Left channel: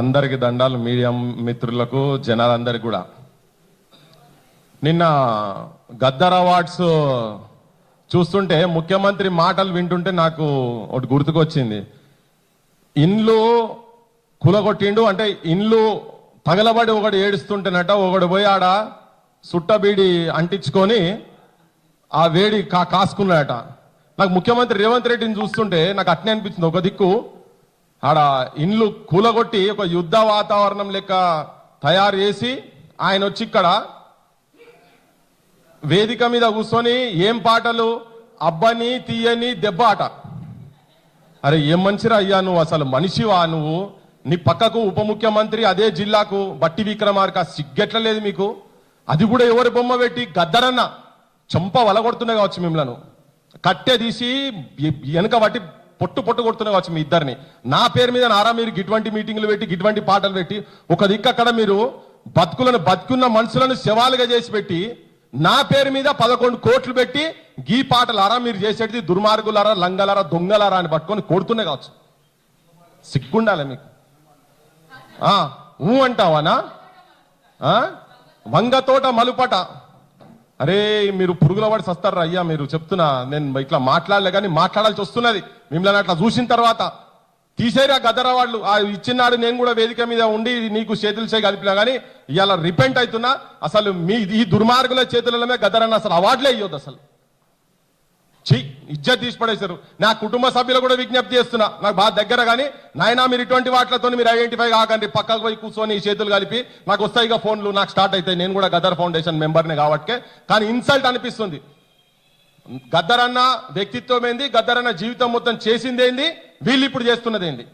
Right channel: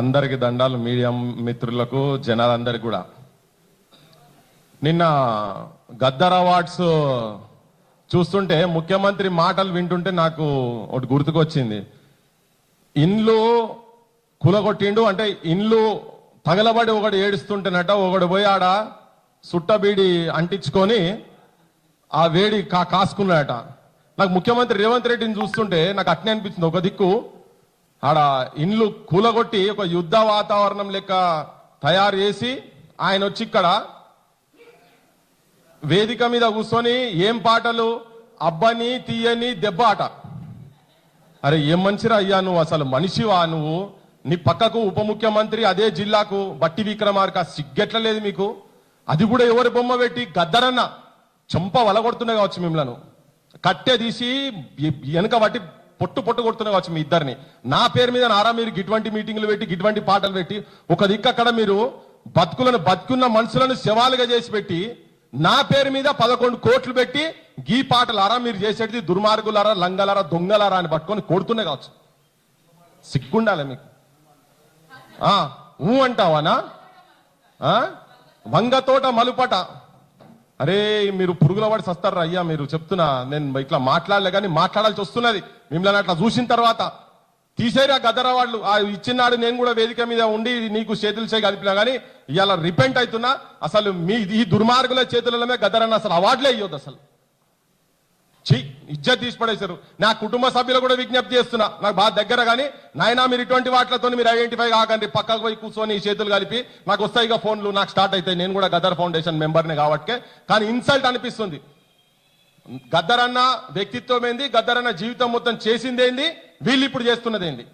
అందరికి దండాలు, మీడియా మిత్రులకు, జనాలందరికి కూడా. నిన్న గద్దర్ అవార్డ్స్ చూస్తుంటే ముఖ్యమంత్రి మాటలు వింటుంటే నాకు ఒకటి గుర్తుకొచ్చింది. ఇండ్లు కులగొట్టిండు అంటే ఇండ్లు పగలబడి ఒకడు ఏడుస్తుంటేనట, ఒకడు పోయి ఆడ సుట్టబీడి అంటించుకొని ఆ వేడి కాసుకున్నాడట. నాకు ముఖ్యమంత్రి రేవంత్ రెడ్డిని చూస్తుంటే నాకు అట్నే అనిపించింది. ఒక దిక్కు ఆడ ఇండ్లు కూలగొట్టి ఒక యుద్ధ వాతావరణం లెక్క తయారు చేసి ఆయన వచ్చి ఇక్కడ వేదిక మీద కూర్చొని ఏం పాటలు, అబ్బని తీయని దెబ్బ ఆట. అరే ఏం మనిషిరా అయ్యా నువ్వు, అసలు మనిషివా నువ్వు? నీ పక్కకు ఉప ముఖ్యమంత్రి అదే జిల్లాకు బట్టి విక్రమార్క, సిగ్గెట్ల లేదు మీకు? అది కూడా ఎవరి బొమ్మ పెట్టి గద్దరన్న చంప వలగొడుతున్నా కావచ్చు, మిమ్మల్ని కట్టె తీసి వెనక బట్టి పొట్టు కొడుతున్నా కావచ్చు మీ ఇద్దరిని. నా పేరు మీద నారా మీరు గిటువంటి మీటింగ్లు పెట్టి గిటువంటి పాటలు పెట్టి ఒక దిక్కు అక్కడ మీరు బతుకున్న మనుషులను శవాలుగా చేసి పెట్టి నా పేరు మీద 11 కోట్లు పెట్టి గీ పాటలారా మీరు చేసేది దుర్మార్గులారా, లంగలారా, దొంగలారా అని పట్టుకొని కొడుతున్నా కావచ్చు. సిగ్గుండాలి మీకు. ఊ అంటావానా? వంగతోట మలుపట. అరే మీరు పురుగుల పడి వస్తారా అయ్యా? మీరు చెప్తున్నా, నేను ఇట్లా మాట్లాడలే కానీ మాట్లాడాల్సి వస్తున్నది. మిమ్మల్ని అట్లా చూసిన తర్వాత తీసేరా గద్దర వాళ్ళు. ఇచ్చినాడు నేను కూడా వేదిక మీద ఉండి నీకు చేతులు చేయి కలిపినా కానీ ఇవాళ రిపెంట్ అవుతున్నా. అసలు మీ ఈ దుర్మార్గుల చేతులమే గద్దరన్న అసలు అవార్డులే ఇవ్వద్దు. అసలు ఇజ్జత్ తీసి పడేశారు. నా కుటుంబ సభ్యులు కూడా విజ్ఞప్తి చేస్తున్నా, నాకు బాగా దగ్గర కానీ నాయన మీరు ఇటువంటి వాటితో మీరు ఐడెంటిఫై కాకండి. పక్కకు పోయి కూర్చొని చేతులు కలిపి నాకు వస్తాయిగా ఫోన్లు, నాకు స్టార్ట్ అవుతాయి. నేను కూడా గద్దర్ ఫౌండేషన్ మెంబర్ని కాబట్టి. కానీ ఇన్సల్ట్ అనిపిస్తుంది. గద్దరన్న వ్యక్తిత్వం ఏంది, గద్దరన్న జీవితం మొత్తం చేసిందేంది, వీళ్ళు ఇప్పుడు చేస్తున్నది ఏంది?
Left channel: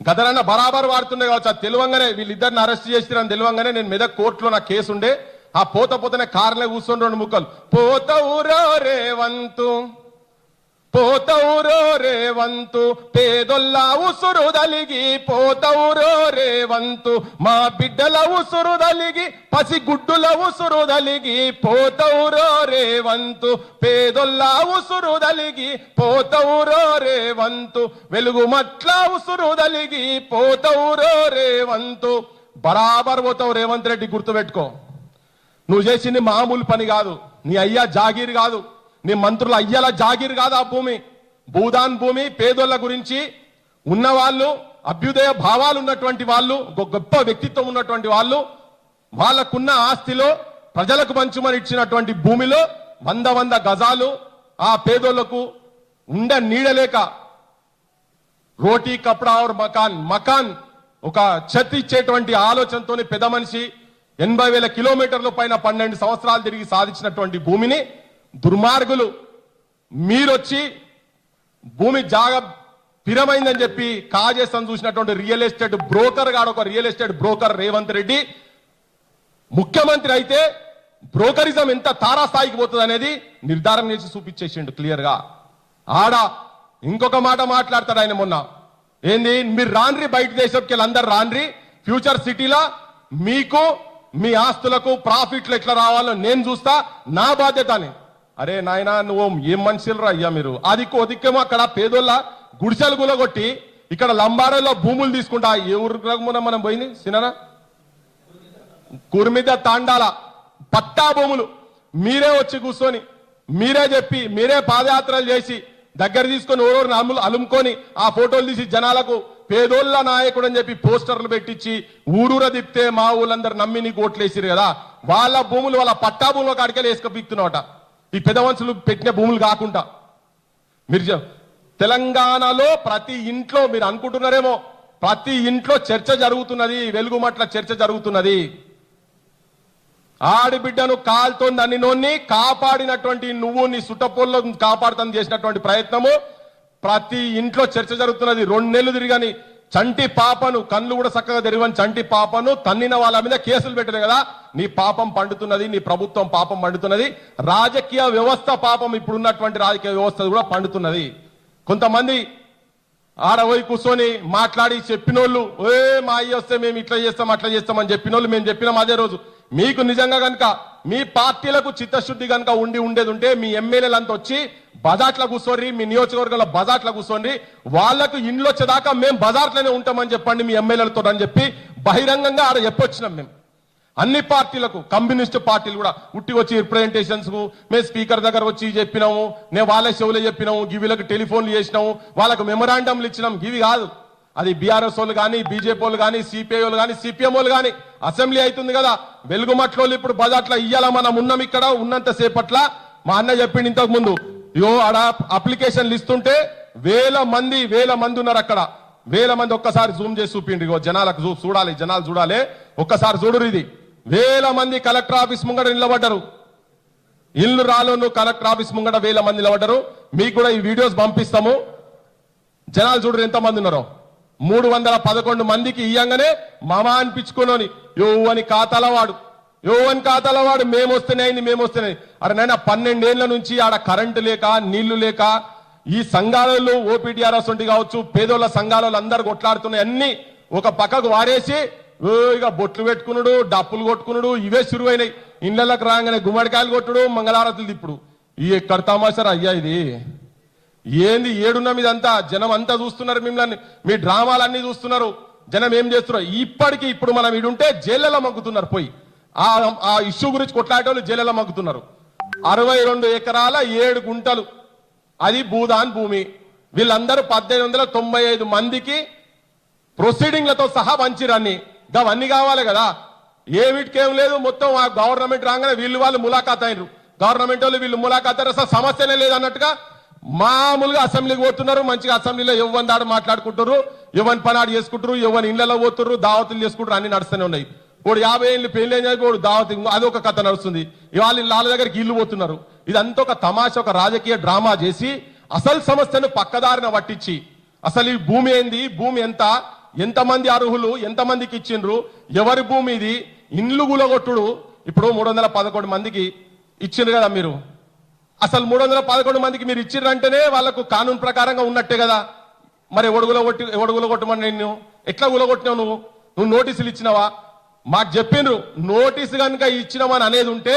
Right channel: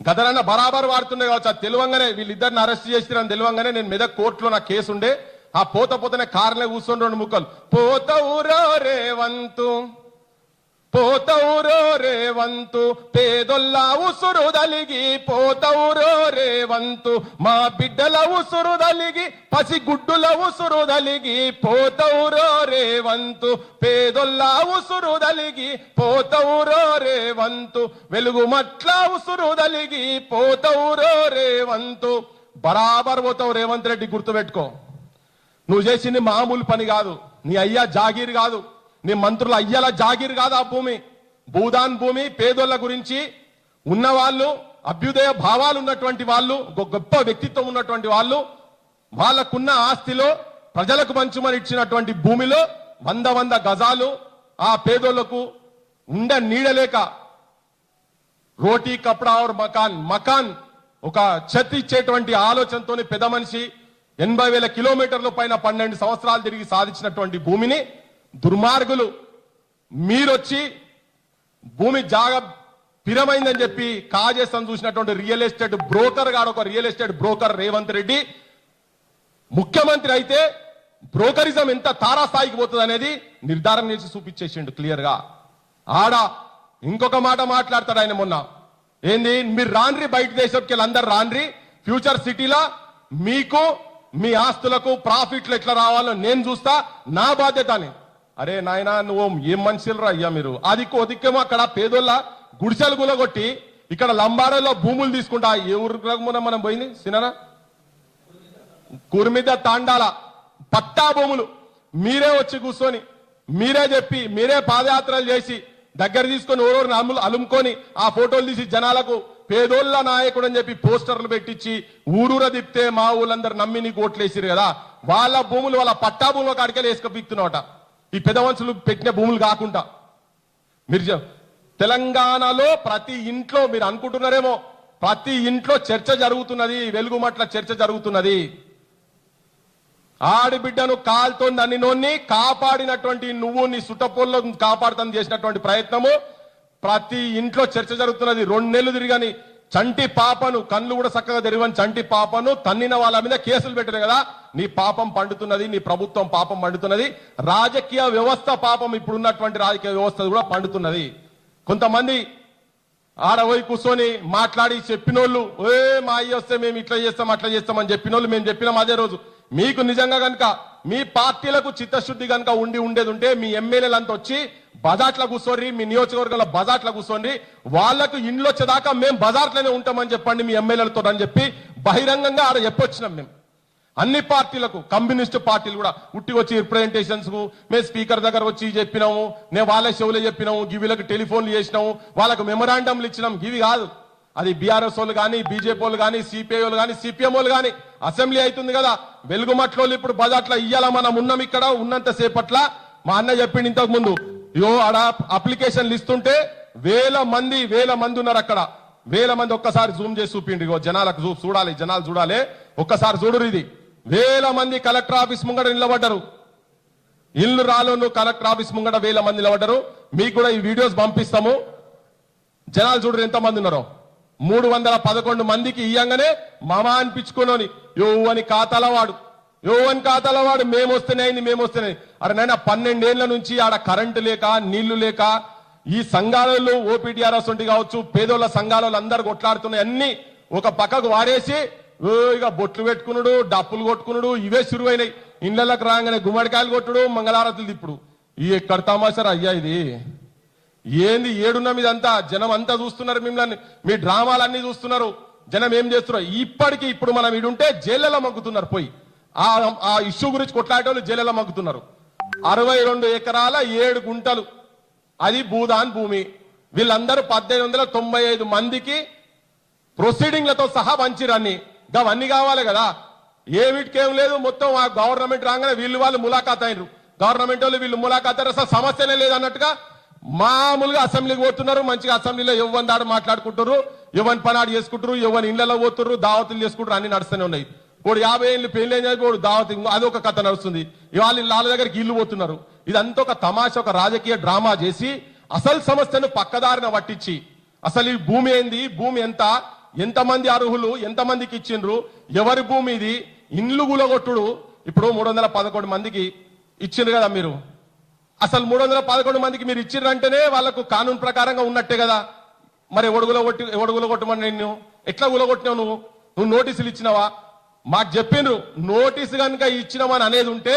గద్దరన్న బరాబర్ వాడుతున్నాయి కావచ్చు. అది తెలివంగానే వీళ్ళిద్దరిని అరెస్ట్ చేసిరని తెలివంగానే నేను మెదక్ కోర్టులో నా కేసు ఉండే ఆ పోతనే కార్లే కూర్చొని 2 ముక్కలు పోతవురో రేవంతు, పోతవురో రేవంతు, పేదొల్ల ఉసురు దలిగి పోతవురో రేవంతు, మా బిడ్డల ఉసురు దలిగి పసిగుడ్డుల ఉసురు దలిగి పోతవురో రేవంతు, పేదొల్ల ఉసురు దలిగి పోతవురో రేవంతు, వెలుగు మట్ల ఉసురు దలిగి పోతవురో రేవంతు. బరాబర్ పోతావు రేవంత్ రెడ్డి, గుర్తుపెట్టుకో. నువ్వు చేసింది మామూలు పని కాదు. నీ అయ్యా జాగీర్ కాదు, నీ మంత్రుల అయ్యాల జాగీర్ కాదు ఆ భూమి. భూదాన్ భూమి. పేదోళ్ల గురించి ఉన్నవాళ్ళు, అభ్యుదయ భావాలు ఉన్నటువంటి వాళ్ళు, గొప్ప వ్యక్తిత్వం ఉన్నటువంటి వాళ్ళు, వాళ్ళకున్న ఆస్తిలో ప్రజలకు పంచుమని ఇచ్చినటువంటి భూమిలో 100 గజాలు ఆ పేదోళ్లకు ఉండ నీడలేక రోటీ కపడా और మకాన్ ఒక చెత్త ఇచ్చేటువంటి ఆలోచనతోని పెద్ద మనిషి 80,000 కిలోమీటర్ల పైన 12 సంవత్సరాలు తిరిగి సాధించినటువంటి భూమిని దుర్మార్గులు మీరొచ్చి భూమి జాగ పిరమైందని చెప్పి కాజేస్తాను చూసినటువంటి రియల్ ఎస్టేట్ బ్రోకర్ గాడు, ఒక real estate broker Revanth Reddy ముఖ్యమంత్రి అయితే బ్రోకరిజం ఎంత తారాస్థాయికి పోతుంది అనేది నిర్ధారణ చేసి చూపించేసిండు క్లియర్ గా. ఆడ ఇంకొక మాట మాట్లాడతాడు ఆయన మొన్న. ఏంది, మీరు రాన్రి బయట దేశంకి అందరు రాన్రి, ఫ్యూచర్ సిటీలా మీకు మీ ఆస్తులకు ప్రాఫిట్లు ఎట్లా రావాలో నేను చూస్తా, నా బాధ్యత అని. అరే నాయనా నువ్వు ఏం మనుషులు రా అయ్యా మీరు? అది దిక్కేమో అక్కడ పేదోళ్ళ గుడిసెలు గులగొట్టి ఇక్కడ లంబాడలో భూములు తీసుకుంటా. ఏ ఊరు మనం పోయింది సినరా? కుర్మిద తాండాల పట్టా భూములు మీరే వచ్చి కూర్చొని మీరే చెప్పి మీరే పాదయాత్రలు చేసి దగ్గర తీసుకొని ఓరోరు అలుముకొని ఆ ఫోటోలు తీసి జనాలకు పేదోళ్ళ నాయకుడు అని చెప్పి పోస్టర్లు పెట్టించి ఊరూర తిప్పితే మా ఊళ్ళందరూ నమ్మి నీకు ఓట్లేసిరు కదా. వాళ్ళ భూములు వాళ్ళ పట్టా భూములు కాడికే వేసుకపోతున్నావట. ఈ పెద్ద మనుషులు పెట్టిన భూములు కాకుండా మీరు తెలంగాణలో ప్రతి ఇంట్లో మీరు అనుకుంటున్నారేమో ప్రతి ఇంట్లో చర్చ జరుగుతున్నది, వెలుగుమట్ల చర్చ జరుగుతున్నది. ఆడిబిడ్డను కాల్తో నన్నినోన్ని కాపాడినటువంటి నువ్వు నీ సుట్టపోల్లో కాపాడుతాను చేసినటువంటి ప్రయత్నము ప్రతి ఇంట్లో చర్చ జరుగుతున్నది. 2 నెలలు తిరిగని చంటి పాపను, కళ్ళు కూడా చక్కగా తెరవని చంటి పాపను తన్నిన వాళ్ళ మీద కేసులు పెట్టినాయి కదా. నీ పాపం పండుతున్నది, నీ ప్రభుత్వం పాపం పండుతున్నది, రాజకీయ వ్యవస్థ పాపం, ఇప్పుడున్నటువంటి రాజకీయ వ్యవస్థ కూడా పండుతున్నది. కొంతమంది ఆడపోయి కూర్చొని మాట్లాడి చెప్పినోళ్ళు, మా అయ్య వస్తే మేము ఇట్లా చేస్తాం అట్లా చేస్తామని చెప్పినోళ్ళు మేము చెప్పినాం అదే రోజు. మీకు నిజంగా కనుక మీ పార్టీలకు చిత్తశుద్ధి కనుక ఉండేది ఉంటే మీ ఎమ్మెల్యేలంతా వచ్చి బజార్లో కూర్చోండి, మీ నియోజకవర్గంలో బజార్లో కూర్చోండి, వాళ్లకు ఇండ్లు వచ్చేదాకా మేము బజార్లోనే ఉంటామని చెప్పండి మీ ఎమ్మెల్యేలతో అని చెప్పి బహిరంగంగా ఆడ చెప్పొచ్చినాం. మేము అన్ని పార్టీలకు, కమ్యూనిస్ట్ పార్టీలు కూడా ఉట్టి వచ్చి రిప్రజెంటేషన్స్ కు మేము స్పీకర్ దగ్గర వచ్చి చెప్పినాము, నేను వాళ్ళ షోలో చెప్పినాము, గివిలకు టెలిఫోన్లు చేసినాము, వాళ్ళకు మెమరాండంలు ఇచ్చినాం. గివి కాదు, అది బీఆర్ఎస్ వాళ్ళు కానీ, బీజేపీ వాళ్ళు కానీ, సిపిఐ వాళ్ళు కానీ, సిపిఎం వాళ్ళు కానీ అసెంబ్లీ అవుతుంది కదా, వెలుగుమట్లో ఇప్పుడు బజార్లో ఇయ్యాల మనం ఉన్నాం. ఇక్కడ ఉన్నంత సేపట్ల మా అన్న చెప్పిండు ఇంతకు ముందు, ఆడ అప్లికేషన్లు ఇస్తుంటే వేల మంది ఉన్నారు అక్కడ, వేల మంది. ఒక్కసారి జూమ్ చేసి చూపిండి, జనాలకు చూడాలి, జనాలు చూడాలి, ఒక్కసారి చూడరు. ఇది వేల మంది కలెక్టర్ ఆఫీస్ ముంగడ నిలబడ్డారు. ఇల్లు రాలోను కలెక్టర్ ఆఫీస్ ముంగడ వేల మంది నిలబడ్డారు. మీకు కూడా ఈ వీడియోస్ పంపిస్తాము, జనాలు చూడరు ఎంత మంది ఉన్నారో. 311 మందికి ఇయ్యంగానే మామా అనిపించుకోని యోవని ఖాతాల వాడు మేమొస్తున్నాయి. అరే నాయన 12 ఏళ్ల నుంచి ఆడ కరెంటు లేక, నీళ్లు లేక, ఈ సంఘాలలో ఓపీడీఆర్ఎస్ ఉండి కావచ్చు, పేదోళ్ల సంఘాలలో అందరు కొట్లాడుతున్నాయి. అన్ని ఒక పక్కకు వారేసి ఇక బొట్లు పెట్టుకున్నాడు, డప్పులు కొట్టుకున్నాడు, ఇవే సురువైనాయి. ఇళ్లకు రాగానే గుమ్మడికాయలు కొట్టుడు, మంగళారతులు తిప్పుడు. ఈ ఎక్కడ తమాషారా అయ్యా ఇది? ఏంది ఏడున్న మీదంతా? జనం అంతా చూస్తున్నారు మిమ్మల్ని, మీ డ్రామాలన్నీ చూస్తున్నారు. జనం ఏం చేస్తున్నారు? ఇప్పుడు మనం ఈడుంటే జైళ్ళలో మగ్గుతున్నారు. పోయి ఆ ఇష్యూ గురించి కొట్లాడేవాళ్ళు జైళ్ళలో మగ్గుతున్నారు. 62 ఎకరాల 7 గుంటలు అది భూదాన్ భూమి. వీళ్ళందరూ 1895 మందికి ప్రొసీడింగ్లతో సహా వంచిరన్ని. అవన్నీ కావాలి కదా, ఏ వీటికేం లేదు. మొత్తం ఆ గవర్నమెంట్ రాగానే వాళ్ళు ములాఖాత్ అయినరు. గవర్నమెంట్ వాళ్ళు వీళ్ళు ములాఖాత్ అయినారు. అసలు సమస్యనే లేదన్నట్టుగా మామూలుగా అసెంబ్లీకి పోతున్నారు. మంచిగా అసెంబ్లీలో ఎవరి దాడు మాట్లాడుకుంటారు, ఎవరి పనాడు చేసుకుంటారు, ఎవరి ఇళ్లలో పోతున్నారు, దావతులు చేసుకుంటారు, అన్ని నడుస్తూనే ఉన్నాయి. ఇప్పుడు 50 ఏళ్ళు పెళ్లి అయినప్పుడు దావతి, అది ఒక కథ నడుస్తుంది. ఇవాళ వాళ్ళ దగ్గరికి ఇల్లు పోతున్నారు. ఇదంతా ఒక తమాషా, ఒక రాజకీయ డ్రామా చేసి అసలు సమస్యను పక్కదారిన పట్టించి, అసలు ఈ భూమి ఏంది, భూమి ఎంతమంది అర్హులు, ఎంతమందికి ఇచ్చిండ్రు, ఎవరి భూమి ఇది, ఇండ్లు గులగొట్టుడు. ఇప్పుడు 311 మందికి ఇచ్చిండ్రు కదా మీరు. అసలు 311 మందికి మీరు ఇచ్చిండ్రంటేనే వాళ్ళకు కానూన్ ప్రకారంగా ఉన్నట్టే కదా. మరి ఎవడు గులగొట్టమని నిన్ను ఎట్లా గులగొట్టినావు? నువ్వు నోటీసులు ఇచ్చినావా? మాకు చెప్పిండ్రు నోటీసు కనుక ఇచ్చినామని అనేది ఉంటే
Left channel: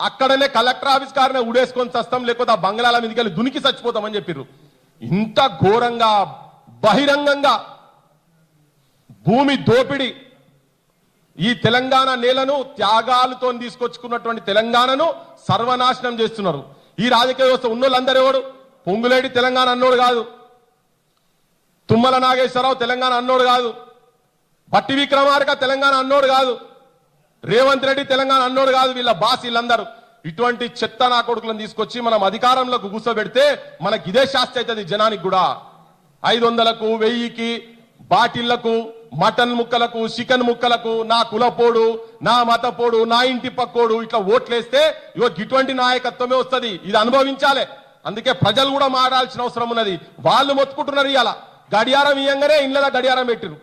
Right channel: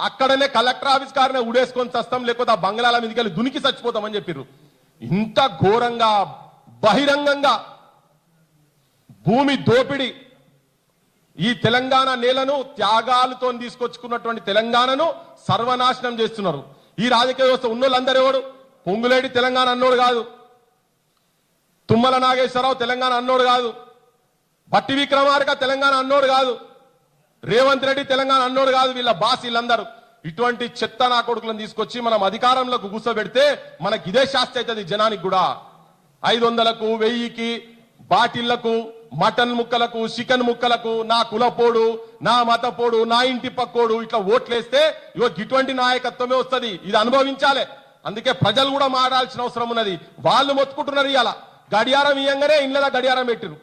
అక్కడనే కలెక్టర్ ఆఫీస్ కారనే ఉడేసుకొని చస్తాం, లేకపోతే ఆ బంగ్లాల మీదకి వెళ్ళి దునికి చచ్చిపోతామని చెప్పిర్రు. ఇంత ఘోరంగా బహిరంగంగా భూమి దోపిడి, ఈ తెలంగాణ నేలను త్యాగాలతో తీసుకొచ్చుకున్నటువంటి తెలంగాణను సర్వనాశనం చేస్తున్నారు. ఈ రాజకీయ వ్యవస్థ ఉన్నోళ్ళందరూ ఎవడు? పొంగులేడి తెలంగాణ అన్నోడు కాదు, తుమ్మల నాగేశ్వరరావు తెలంగాణ అన్నోడు కాదు, భట్టి విక్రమార్క తెలంగాణ అన్నోడు కాదు, రేవంత్ రెడ్డి తెలంగాణ అన్నోడు కాదు. వీళ్ళ బాస్ వీళ్ళందరూ ఇటువంటి చెత్త నా కొడుకులను తీసుకొచ్చి మనం అధికారంలోకి కూర్చోబెడితే మనకి ఇదే శాస్తి అవుతుంది. జనానికి కూడా 500కు 1000కి బాటిళ్లకు, మటన్ ముక్కలకు, చికెన్ ముక్కలకు, నా కులపోడు, నా మతపోడు, నా ఇంటి పక్కోడు ఇట్లా ఓట్లేస్తే ఇటువంటి నాయకత్వమే వస్తుంది. ఇది అనుభవించాలి. అందుకే ప్రజలు కూడా మారాల్సిన అవసరం ఉన్నది. వాళ్ళు మొత్తుకుంటున్నారు. ఇవాళ గడియారం ఇయ్యంగానే ఇళ్ళ గడియారం పెట్టిరు.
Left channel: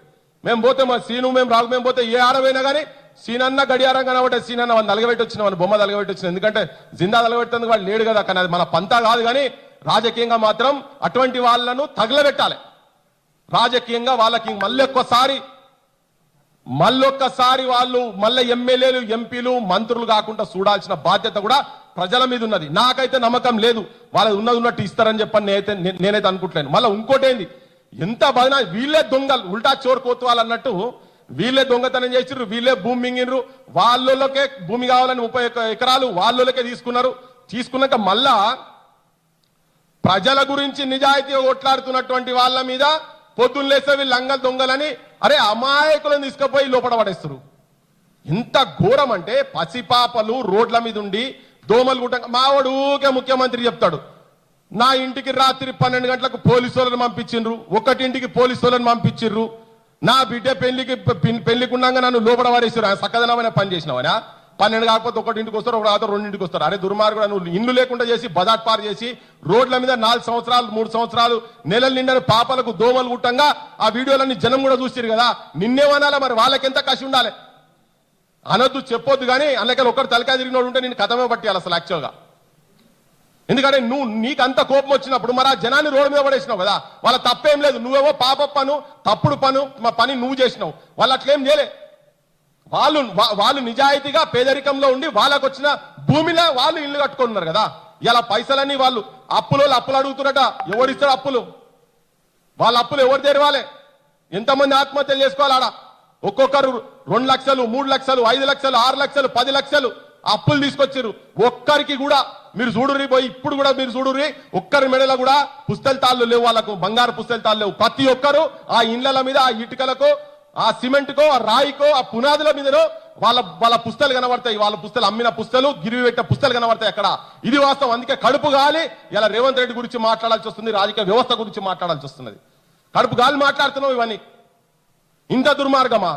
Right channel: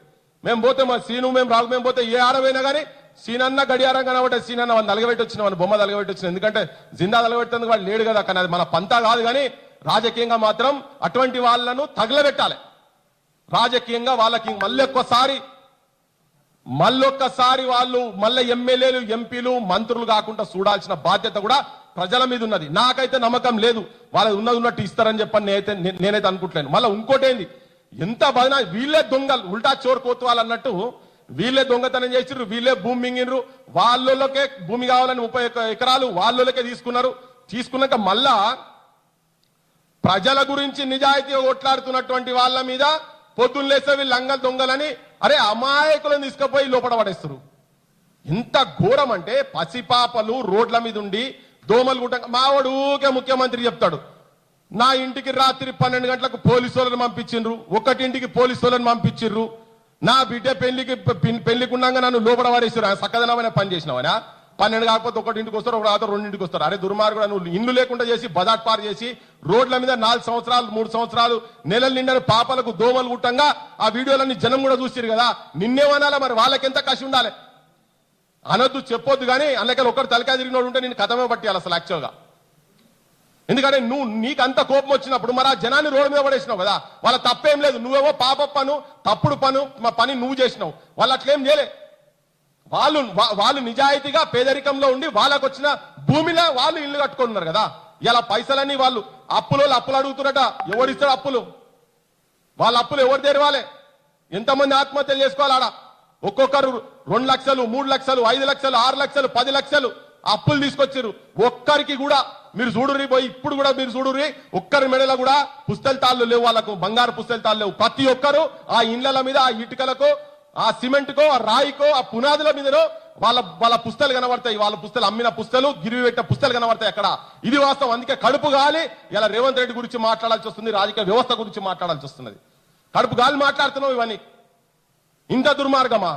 మేము పోతే మా సీను మేము రాళ్ళు మేము పోతే ఏ ఆడమైనా కానీ సీనన్న గడియారం కనబట్టే సీనన్న వాళ్ళు నలగబెట్టి వచ్చిన వాళ్ళు బొమ్మ నలగబెట్టి వచ్చిన. ఎందుకంటే జిందా నలగబెట్టేందుకు వాళ్ళు లేడు కదా. కానీ అది మన పంతా కాదు. కానీ రాజకీయంగా మాత్రం అటువంటి వాళ్ళను తగలబెట్టాలి. రాజకీయంగా వాళ్ళకి మళ్ళొక్కసారి వాళ్ళు మళ్ళీ ఎమ్మెల్యేలు, ఎంపీలు, మంత్రులు కాకుండా చూడాల్సిన బాధ్యత కూడా ప్రజల మీద ఉన్నది. నాకైతే నమ్మకం లేదు వాళ్ళు ఉన్నట్టు ఇస్తారని చెప్పని నేనైతే అనుకుంటలేను. మళ్ళీ ఇంకోటేంది, ఎంత బదనా, వీళ్ళే దొంగలు, ఉల్టా చోరు కోతువాళ్ళు అన్నట్టు వీళ్ళే దొంగతనం చేసిర్రు, వీళ్ళే భూమి మింగిర్రు. వాళ్ళకే భూమి కావాలని 30 ఎకరాలు వాళ్ళకే తీసుకున్నాక మళ్ళా ప్రజల గురించి నిజాయితీగా కొట్లాడుతున్నటువంటి వాళ్ళ మీద పొద్దున్నేస్తే వీళ్ళు లంగల్ దొంగలని అమాయకులను తీసుకుపోయి లోపల పడేస్తారు. ఇంత ఘోరం అంటే పసిపాపలు రోడ్ల మీద ఉండి దోమలు గుట్ట. మావాడుగా ముఖ్యమంత్రి చెప్తాడు, నా ఇంటికి రాత్రి 12 గంటలకు పోలీసు వాళ్ళని పంపించిండ్రు, 1 ఇంటికి పోలీసు వాళ్ళని పంపించిండ్రు, నా బిడ్డ పెళ్లికి ఉండగా నన్ను లోపల పడేసారు. సక్కదనమైన పని చేసినవరా? 12 కాకపోతే 1 ఇంటికి వస్తారు, 2 ఇంటికి వస్తారు. అరే దుర్మార్గుడు, నువ్వు ఇల్లు లేకుండా చేసి బజాట్ పారు చేసి రోడ్ల మీద 4 సంవత్సరాలు 3 సంవత్సరాలు నెలలు నిండని పాపలకు దోమలు గుట్టంగా ఆ వీడియోలన్నీ జనం కూడా చూసారు కదా. నిన్నేమనాలా? మరి వాళ్ళకెంత కసి ఉండాలి? అనొద్దు, చెప్పొద్దు. కానీ అందుకని ఒకటి తలకాయ తిరిగినోడు ఉంటే నేను కథమే పట్టియాలి అసలు యాక్చువల్గా. ఎందుకంటే నీకు అంత కోపం వచ్చినప్పుడు మరి ఆ జనాన్ని రోడ్డు మీద పడేసినావు కదా. వాళ్ళ తప్పేం లేదు. నువ్వేమో పాప పను, తప్పుడు పని నువ్వు చేసినావు. వాళ్ళు అట్లేం చేయలే. వాళ్ళు నిజాయితీగా పేదరికంలో ఉండి వాళ్ళకు వచ్చిన భూమిలో వాళ్ళు ఇల్లు కట్టుకున్నారు కదా. ఇలా పైసలన్నీ వాళ్ళు అప్పులు అడుగుతున్నట. ఎవరిస్తారు అప్పులు? వాళ్ళ అప్పులు ఎవరు తెరవాలి? ఎంతమంది ఆత్మహత్యలు చేసుకోవాలి? ఆడ ఒక్కొక్కరు 2 లక్షలు 3 లక్షలు 5 లక్షలు 6 లక్షలు 10 లక్షలు అప్పులు తీసుకొచ్చారు. ఒక్కరికి కూడా మీరు చూడుర్రి పోయి, ఇప్పుడు కూడా మీరు చూడుర్రి, ఒక్కరి మెడలో కూడా పుస్తల తాళ్ళు లేవు, వాళ్ళకు బంగారు పుస్తల తాళ్ళు లేవు. ప్రతి ఒక్కరు ఆ ఇండ్ల మీద, ఆ ఇటుకలకు, ఆ సిమెంట్ కో, ఆ రాయికో, ఆ పునాదుల మీదనో వాళ్ళ పుస్తలు కనబడతాయి. వాళ్ళ పుస్తలు అమ్మిన పుస్తలు, గిరివి పెట్టిన పుస్తలు కనబడతాయి అక్కడ. ఇది వాస్తవం. అందుకే కడుపు గాలి ఇలా రేవంత్ రెడ్డి గురించి మాట్లాడాల్సి వస్తుంది, రాజకీయ వ్యవస్థ గురించి మాట్లాడాల్సి వస్తున్నది. కడుపు గాలి మాట్లాడుతున్నావు. ఇవన్నీ ఇంత దుర్మార్గమా?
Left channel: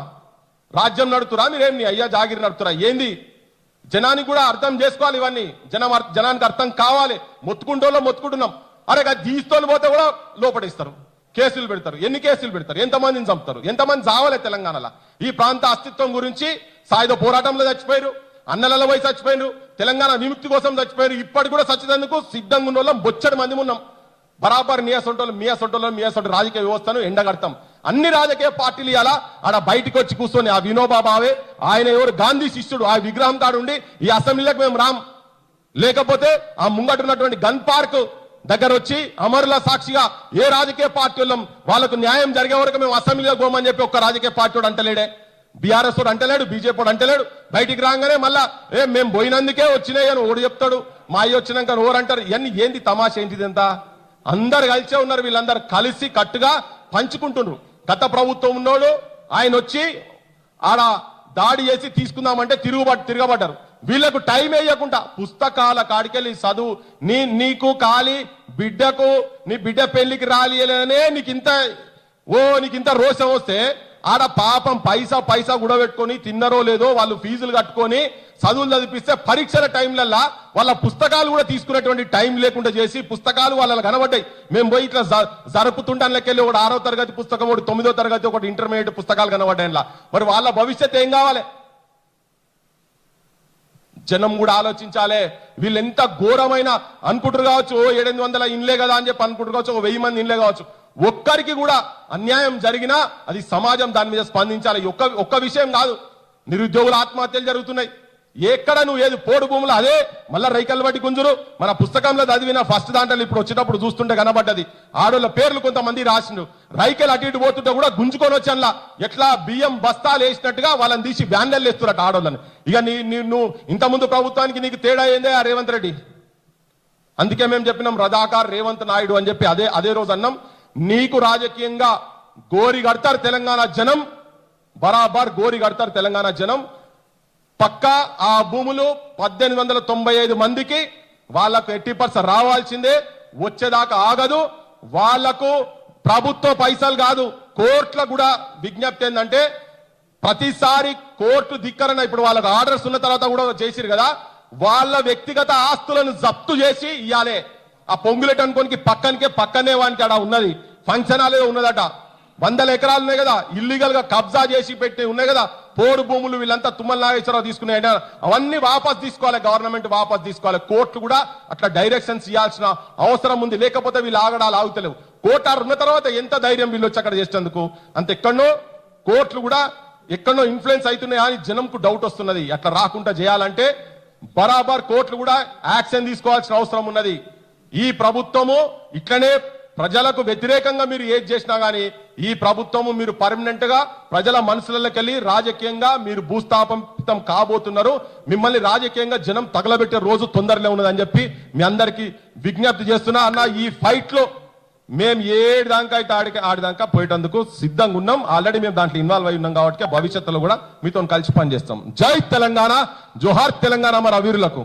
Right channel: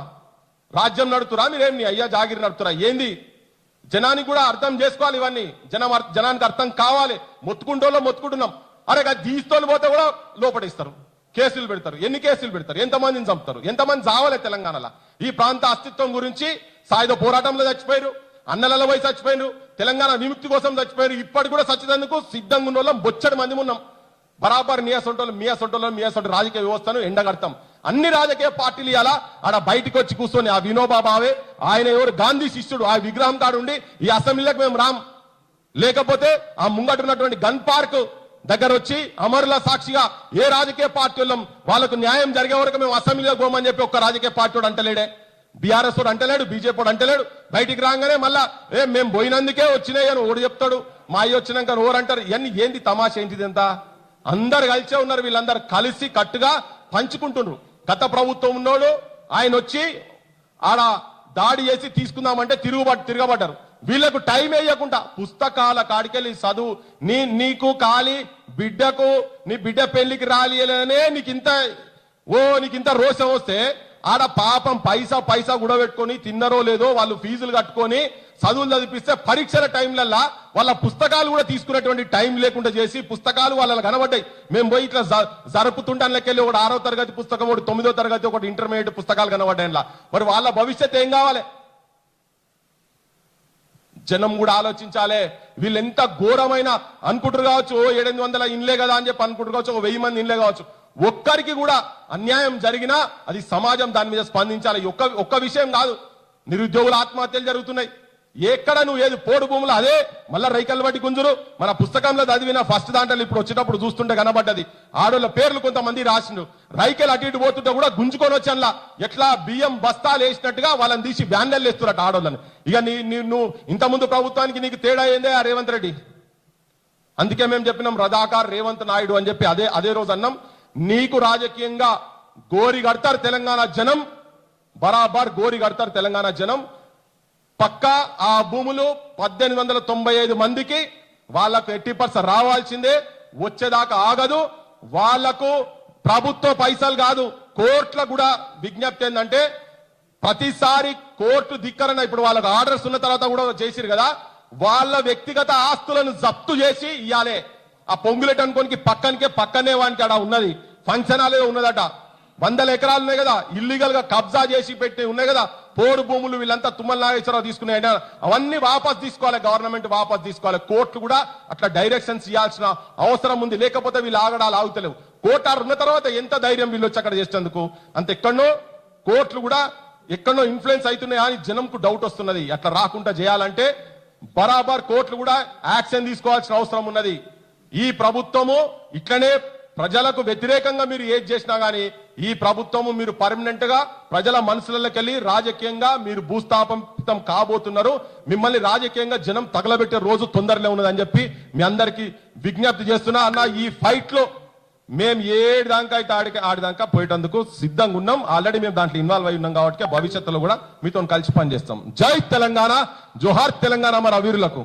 రాజ్యం నడుతురా మీరేం? నీ అయ్యా జాగిరి నడుతురా ఏంది? జనానికి కూడా అర్థం చేసుకోవాలి. ఇవన్నీ జనానికి అర్థం కావాలి. మొత్తుకుంటున్నాం. అరే దీస్తోలు పోతే కూడా లోపడిస్తారు, కేసులు పెడతారు. ఎన్ని కేసులు పెడతారు? ఎంతమందిని చంపుతారు? ఎంతమంది చావాలి తెలంగాణలో? ఈ ప్రాంత అస్తిత్వం గురించి సాయుధ పోరాటంలో చచ్చిపోయారు, అన్నలలో పోయి చచ్చిపోయారు, తెలంగాణ విముక్తి కోసం చచ్చిపోయారు. ఇప్పటికి కూడా చచ్చేందుకు సిద్ధంగా ఉన్న వాళ్ళం బొచ్చడి మంది ఉన్నాం. బరాబర్ మీ అసొంటి రాజకీయ వ్యవస్థను ఎండగడతాం. అన్ని రాజకీయ పార్టీలు ఇలా ఆడ బయటకు వచ్చి కూర్చొని, ఆ వినోబా భావే ఆయన ఎవరు గాంధీ శిష్యుడు, ఆ విగ్రహం తాడుండి ఈ అసెంబ్లీలకు మేము రాం, లేకపోతే ఆ ముంగటున్నటువంటి గన్ పార్క్ దగ్గర వచ్చి అమరుల సాక్షిగా ఏ రాజకీయ పార్టీలు వాళ్ళకు న్యాయం జరిగే వరకు మేము అసెంబ్లీలో పోమని చెప్పి ఒక్క రాజకీయ పార్టీ అంటలేడే. బీఆర్ఎస్ అంటలేడు, బీజేపీ అంటలేడు. బయటికి రాగానే మళ్ళా మేము పోయినందుకే వచ్చినాయి అని ఓడి చెప్తాడు. మా అయ్యి వచ్చినాక ఓరంటారు. ఇవన్నీ ఏంటి? తమాషా ఏంటిది? ఎంత అందరు కలిసే ఉన్నారు. వీళ్ళందరూ కలిసి కట్టుగా పంచుకుంటున్నారు. గత ప్రభుత్వం ఉన్నోడు ఆయన వచ్చి ఆడ దాడి చేసి తీసుకుందామంటే తిరగబడ్డారు. వీళ్లకు టైం వేయకుండా పుస్తకాల కాడికెళ్ళి చదువు, నీకు కాలి బిడ్డకు, నీ బిడ్డ పెళ్లికి రాలియలేదనే నీకింత రోషం వస్తే, ఆడ పాపం పైసా కూడబెట్టుకొని తిన్నరో లేదో వాళ్ళు ఫీజులు కట్టుకొని చదువులు చదివిస్తే పరీక్షల టైంలల్లా వాళ్ళ పుస్తకాలు కూడా తీసుకునేటువంటి టైం లేకుండా చేసి పుస్తకాలు వాళ్ళ కనబడ్డాయి. మేము పోయి ఇట్లా జరుపుతుంటానికి ఒకటి 6వ తరగతి పుస్తకం, ఒకటి 9వ తరగతి, ఒకటి ఇంటర్మీడియట్ పుస్తకాలు కనబడ్డాయి. మరి వాళ్ళ భవిష్యత్తు ఏం కావాలి? జనం కూడా ఆలోచించాలి. వీళ్ళు ఎంత ఘోరమైన అనుకుంటారు కావచ్చు, 700 ఇండ్లే కదా అని చెప్పి అనుకుంటారు కావచ్చు, 1000 మంది ఇండ్లే కావచ్చు. ఒక్కరికి కూడా అన్యాయం జరిగినా అది సమాజం దాని మీద స్పందించాలి. ఒక్క విషయం కాదు, నిరుద్యోగుల ఆత్మహత్యలు జరుగుతున్నాయి. ఎక్కడ నువ్వు ఏది పోడు భూములు అదే మళ్ళా రైకలు బట్టి గుంజురు. మన పుస్తకంలో చదివిన ఫస్ట్ దాంట్లో ఇప్పుడు వచ్చేటప్పుడు చూస్తుంటే కనబడ్డది. ఆడోళ్ళ పేర్లు కొంతమంది రాసిండు. రైకలు అటు ఇటు పోతుంటే కూడా గుంజుకొని వచ్చి అలా ఎట్లా బియ్యం బస్తాలు వేసినట్టుగా వాళ్ళని తీసి బ్యానర్లు వేస్తున్నట్టు ఆడోళ్ళని. ఇక నువ్వు ఇంతకుముందు ప్రభుత్వానికి నీకు తేడా ఏందే ఆ రేవంత్ రెడ్డి? అందుకే మేము చెప్పినాం రజాకార్ రేవంత్ నాయుడు అని చెప్పి అదే రోజు అన్నాం. నీకు రాజకీయంగా గోరి కడతారు తెలంగాణ జనం, బరాబర్ గోరి కడతారు తెలంగాణ జనం. పక్కా ఆ భూములు 1895 మందికి వాళ్లకు 80% రావాల్సిందే, వచ్చేదాకా ఆగదు. వాళ్లకు ప్రభుత్వ పైసలు కాదు, కోర్టుల కూడా విజ్ఞప్తి ఏంటంటే ప్రతిసారి కోర్టు ధిక్కరణ. ఇప్పుడు వాళ్ళకు ఆర్డర్స్ ఉన్న తర్వాత కూడా చేసిరు కదా, వాళ్ళ వ్యక్తిగత ఆస్తులను జప్తు చేసి ఇవ్వాలి. ఆ పొంగులెట్ అనుకోనికి పక్కనే వానికి అక్కడ ఉన్నది ఫంక్షన్ హాలే ఉన్నదట. 100 ఎకరాలు ఉన్నాయి కదా, ఇల్లీగల్ గా కబ్జా చేసి పెట్టి ఉన్నాయి కదా పోడు భూములు. వీళ్ళంతా తుమ్మల నాగేశ్వరరావు తీసుకున్నాయి. అవన్నీ వాపస్ తీసుకోవాలి, గవర్నమెంట్ వాపస్ తీసుకోవాలి. కోర్టులు కూడా అట్లా డైరెక్షన్స్ ఇవ్వాల్సిన అవసరం ఉంది. లేకపోతే వీళ్ళు ఆగుతలేవు. కోర్టు ఉన్న తర్వాత ఎంత ధైర్యం వీళ్ళు వచ్చి అక్కడ చేసేందుకు. అంత ఎక్కడో కోర్టులు కూడా ఎక్కడో ఇన్ఫ్లుయెన్స్ అవుతున్నాయి అని జనంకు డౌట్ వస్తున్నది. అట్లా రాకుండా చేయాలంటే బరాబర్ కోర్టులు కూడా యాక్షన్ తీసుకోవాల్సిన అవసరం ఉన్నది. ఈ ప్రభుత్వము ఇట్లనే ప్రజలకు వ్యతిరేకంగా మీరు ఏది చేసినా గానీ ఈ ప్రభుత్వము మీరు పర్మనెంట్ గా ప్రజల మనసులకి వెళ్ళి రాజకీయంగా మీరు భూస్థాపితం కాబోతున్నారు. మిమ్మల్ని రాజకీయంగా జనం తగలబెట్టే రోజు తొందరలో ఉన్నదని చెప్పి మీ అందరికి విజ్ఞప్తి చేస్తున్నా. అన్న ఈ ఫైట్ లో మేము ఏడాకా అయితే ఆడిదాకా పోయేటందుకు సిద్ధంగా ఉన్నాం. ఆల్రెడీ మేము దాంట్లో ఇన్వాల్వ్ అయి ఉన్నాం కాబట్టి భవిష్యత్తులో కూడా మీతో కలిసి పనిచేస్తాం. జై తెలంగాణ, జోహార్ తెలంగాణ మన వీరులకు.